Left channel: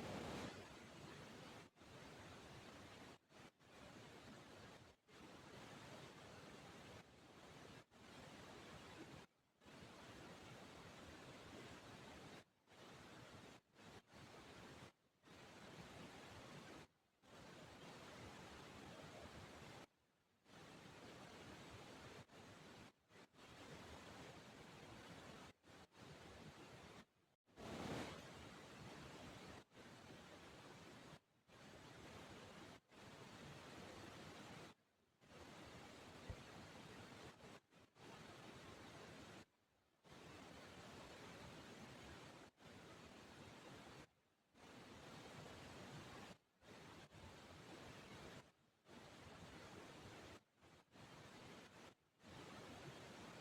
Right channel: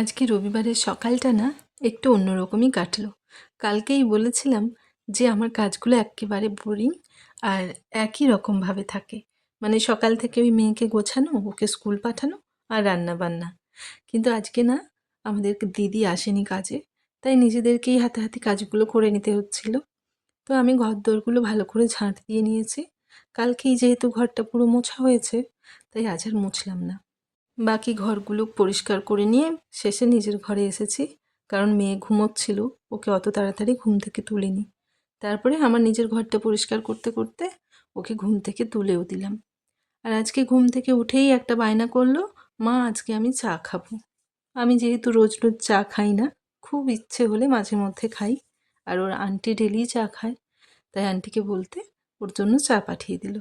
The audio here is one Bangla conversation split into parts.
আজকে রবিবারের সকালটা না একটু অন্যরকমই কাটলো। কালকেই বলেছিলাম যে আমার কাজগুলো এক্কেবারে বোরিং আর একই রকমভাবে থাকে। মানে সকাল থেকে ওই মেয়েকে গোছানো, ওকে স্কুল পাঠানো আর রান্না বান্না। কিন্তু আজকে না আমাদের দিদি আসেনি কাজে, তাই নিজেদেরকেই হাতে হাতে কাজগুলো করে নিতে হচ্ছিল। তো আমি ঘরদোরগুলো ভালো করে ঝাঁট দিয়ে নিয়েছি। কালকেই যেহেতু ঘরটা পুরো মোছা হয়েছে, তাই আজ আর মুছলাম না। বাকি ঘরগুলো পরিষ্কার করে নিয়ে শেষে নিজের ঘরে এসেছি, কারণ মেয়ে ঘুমোচ্ছিল, ওকে অত তাড়াতাড়ি ঘুম থেকে তুলিনি। তারপরে আমার নিজের ঘরটা পরিষ্কার করতে করতে ওকে ঘুম থেকে তুলেও দিলাম। আর আজকে ঘুম থেকে উঠেই একটা বায়না করলো, মা আজকে আমি চা খাবো। আমি যেহেতু রোজ রোজ চা খাই না, খুব ইচ্ছে হলে মাঝে মধ্যে খাই, আর ওর আন্টি ডেলি চা খায়, তাই আন্টিকে বলতে ওর জন্য চা পাঠিয়ে দিল।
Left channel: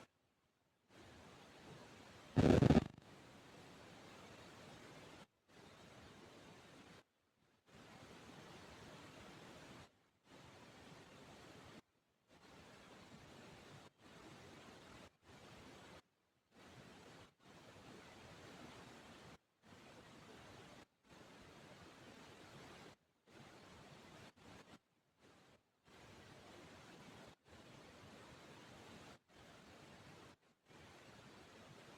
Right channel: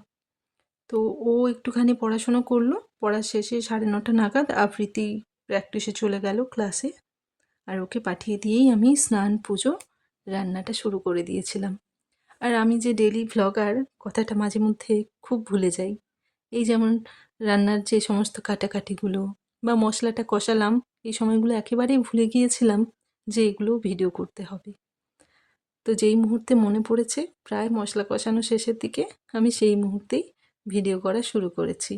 তো ও একটুখানি পড়াশুনো করলো, পড়া শেষে 9:30 নাগাদ আবৃত্তি প্র্যাকটিসে চলে গেল ক্লাসে। আর ওকে পাঠিয়ে দিয়েই আমি স্নান পুজো রান্নাটা শুরু করে দিয়েছিলাম। আর আমি যে ডেলি ভ্লগার, কথাটা মাঝে মধ্যে খুব ভুলে যাই। এই যেমন রান্নার যে সমস্ত কাটাকাটিগুলো বা মশলাটা কষালাম, এই সময়গুলো একেবারেই ভুলে গিয়েছিলাম যে এগুলো ভিডিও করতে হবে। তো যেই মুহূর্তে মনে পড়েছে, প্রায় মশলা কষানো শেষের দিকে, আমি সেই মুহূর্তেই ভিডিও করা শুরু করেছি।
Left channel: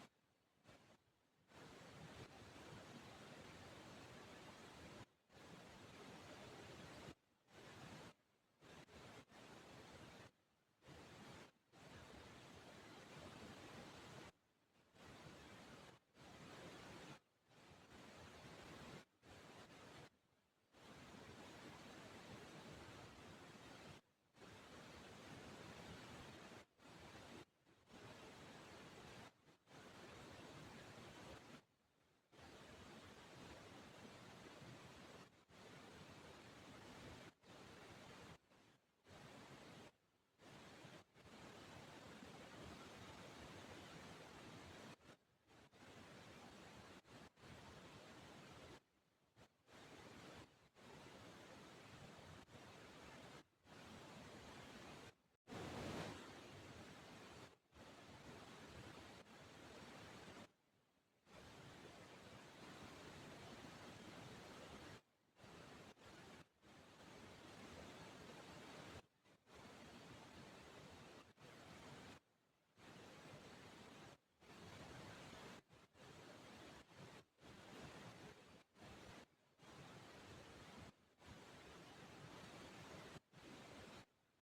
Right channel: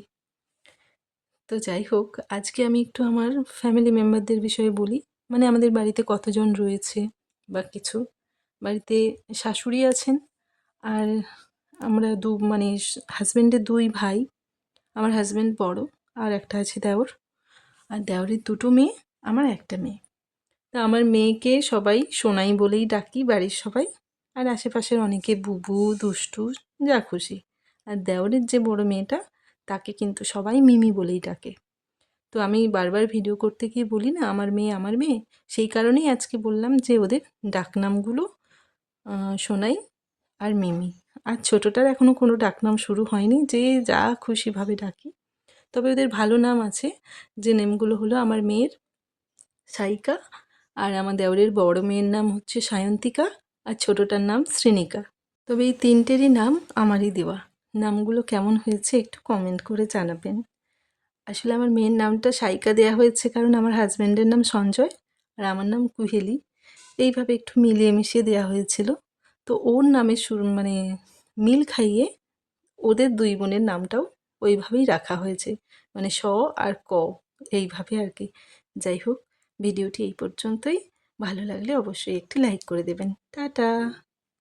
তো যাই হোক, আজকে আমি একটু আমার ফ্যামিলি মেম্বারদের বিষয়ে বলি। মানে আমাদের বাড়িতে কতজন রয়েছে বা কিছু। বাড়িতে শাশুড়ি আছেন, আর আমরা মানে হাজব্যান্ডের 2 ভাই। আমার হাজব্যান্ড বড়, আর একটা আছে দেওর। আর দেওরের 2টো মেয়ে, আমার একটা মেয়ে। তা আমার মেয়েকে সবাই সোনাই বলেই ডাকি বাড়ির সবাই, আর আশেপাশের অনেকে বুবু, দুষ্টু, যা খুশি। আর দেওরের যে বড় মেয়েটা, তাকে কিন্তু সবাই মিমি বলেই ডাকে। তো আমি বারবার ভিডিও করতে গিয়ে বলি না আমার মেয়ে আমার মেয়ে, সেই কারণেই আজকে বললাম যে ওদের ডাকনামগুলো সোনাই আর মিমি। আর ছোটোটার এখনও কোনো ডাকনাম শুরু হয়নি, যে যা খুশিভাবে ডাকি। তবে ওদের ভালো নাম আছে, যে নেমগুলো হলো আমার মেয়ের সাইকা, আর আমার দেওরের বড় মেয়ের নাম হচ্ছে সায়ন্তিকা, আর ছোটোটার নাম শ্রীনিকা। তবে এই 3টেরই নাম আমারই দেওয়া। নামগুলো কেমন হয়েছে একটু কমেন্ট করে জানাবেন। আসলে আমার মেয়ের নামটা সাইকা দেয়া হয়েছে কারণ আমার হাজব্যান্ডের নাম সঞ্জয় আর আমার নাম কুহেলি, এইভাবে একটু মিলিয়ে মিশিয়ে দেওয়া হয়েছিল। তো ওর নামের মানে মিল খাইয়ে ওদের 2 বোনের নামটাও ওইভাবেই রাখা হয়েছে, মানে স আর ক, এইভাবে আর কি। যাই হোক, ভিডিওটি এই পর্যন্তই। ভালো লাগলে অবশ্যই একটি লাইক করে দেবেন। টাটা।